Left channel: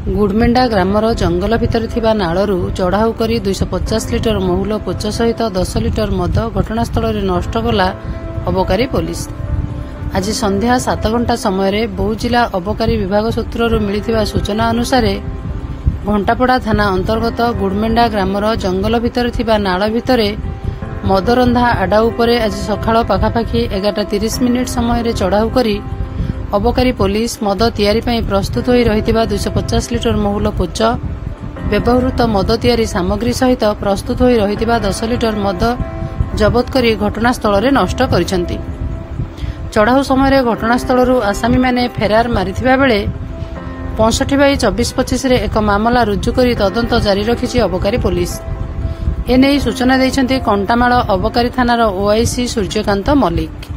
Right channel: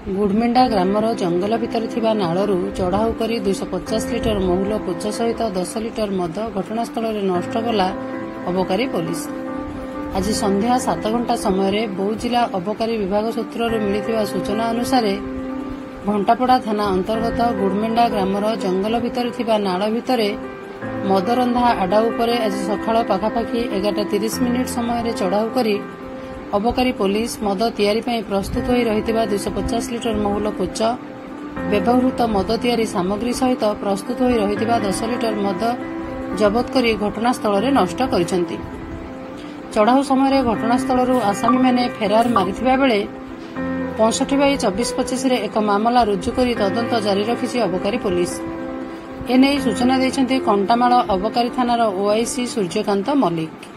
गुड़मेंडा grammar जंगल भितर थिबा नाळरू चढ़ाऊ करी 250 लिटर महुल पोच सहित 10 लिटर मद घटनास्थल में नष्ट कला अबकारी पुलिस। आज संध्या 7 घंटा समय बौद्ध जिला अबकारी विभाग सूत्रु मिलिथिबा सूचना अनुसार घंटापड़ा थाना अंतर्गत गुड़मेंडा ग्रामर जंगल भितर थिबा नाळ भितर मदरंधा आडा उपरे आज सकाळ पाखापाखि 11:30 समय चढ़ाऊ करी अबकारी पुलिस मद तैयारी ପାଇଁ प्रस्तुत होई रहिथिबा 250 लिटर महुल पोच व्यवहृत मद तैयारी सामग्री सहित प्रस्तुत होई रहिथिबा 10 लिटर मद जबत करी घटनास्थल में नष्ट करिसंती। चढ़ाऊ समय घटनास्थल आसामी माने फेरार मारिथिबा बेले 65/24/25 रे एक मामला रुजु करी तदंत जारी रखिछि अबकारी पुलिस। एने सूचना दैछंती कंटामाଳ अबकारी थानार ओआईसी सूर्यकांत मल्लिक।